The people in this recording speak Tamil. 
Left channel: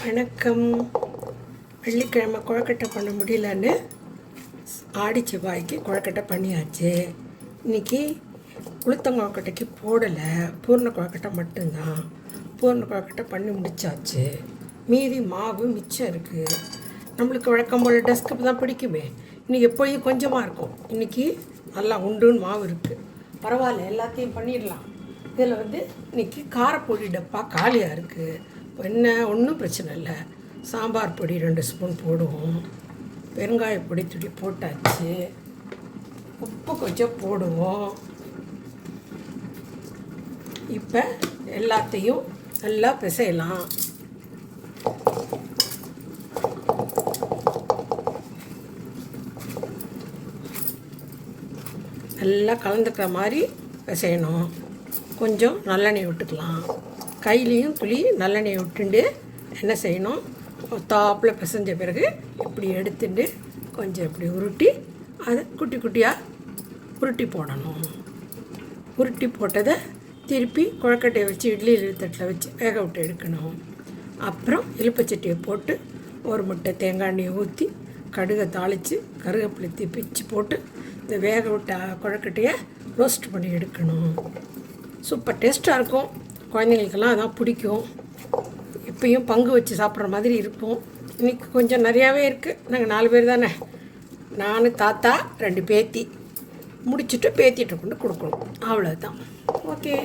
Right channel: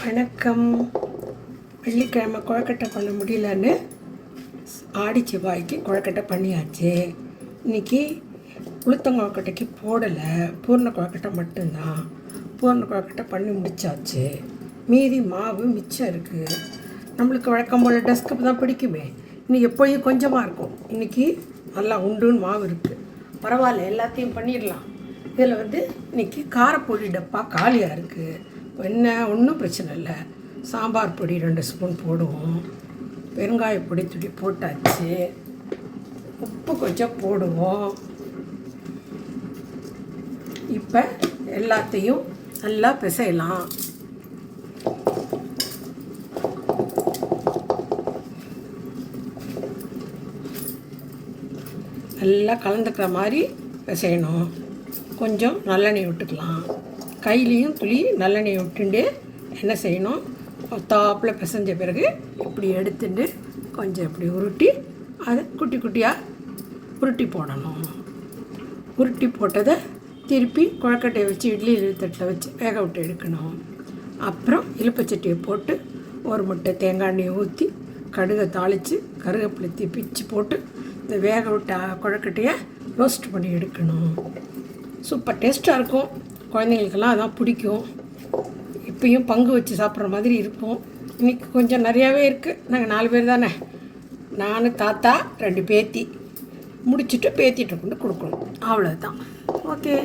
வணக்கம். வெள்ளிக்கிழமை கொழுக்கட்டை பண்ண முடியலன்னு ஆடி செவ்வாய்க்கு கொழுக்கட்டை பண்ணியாச்சு. இன்றைக்கி உளுத்தங்கொழுக்கட்டைக்கு போடலை, பூர்ண கொழுக்கட்டை மட்டும்தான். பூர்ண கொழுக்கட்டை பண்ணி முடித்தாச்சு. மீதி மாவு மிச்சம் இருக்குது. நம்மளுக்கு வழக்கம் போல் டெஸ்க்கு தான் பிடிக்குமே. இன்றைக்கி எப்போயும் கொஞ்சமாக இருக்கும். இன்றைக்கி நல்லா உண்டுன்னு மாவு இருக்குது. பரவாயில்ல, எல்லாத்தையும் பண்ணிடலாம். இதில் இன்றைக்கி காரப்பொடி டப்பா காலியாக இருக்குது. என்ன ஒன்றும் பிரச்சனை இல்லை. சாம்பார் பொடி 2 ஸ்பூன் போடுவோம். பெருங்காய பொடி துடி போட்டாச்சு. உப்பு கொஞ்சம் போடுவோம். இப்போ எல்லாத்தையும் நல்லா பிசையலாம். நல்லா கலந்துக்கிற மாதிரி பிசையணும். கொஞ்சம் நல்லெண்ணெய் விட்டுக்கலாம். கையிலையும் துளி நல்லெண்ணெய் விட்டுண்டு என்ன செய்யணும், தாப்பில் பிசைஞ்ச பிறகு இப்படி எடுத்துட்டு கொஞ்சம் இப்படி உருட்டி அதை குட்டி குட்டியாக உருட்டி போடணும். உருட்டி போட்டதை திருப்பி கொழுக்கட்டையை வச்சு இட்லி தட்டில் வச்சு வேக விட்டு எடுக்கணும். அப்புறம் இலுப்பச்சட்டியை போட்டு ஒரு முட்டை தேங்காய் எண்ணெயை ஊற்றி கடுகை தாளித்து கருவேப்பிலை பிச்சு போட்டு இந்த வேக விட்ட கொழுக்கட்டையை ரோஸ்ட் பண்ணி எடுக்கணும். சூப்பர் டேஸ்ட்டாக இருக்கும். குழந்தைங்களுக்கெல்லாம் அதான் பிடிக்கும். இப்பயும் பங்கு வச்சு சாப்பிட்ற மாதிரி இருக்கும். இன்றைக்கி கொஞ்சம் நிறையாவே இருக்குது. நாங்கள் 4 பேர் தானே. நான், தாத்தா, 2 பேத்தி முடிச்சுட்டு பேத்திகிட்ட கொண்டு கொடுக்கணும். அவ்வளோதான். ஓகே.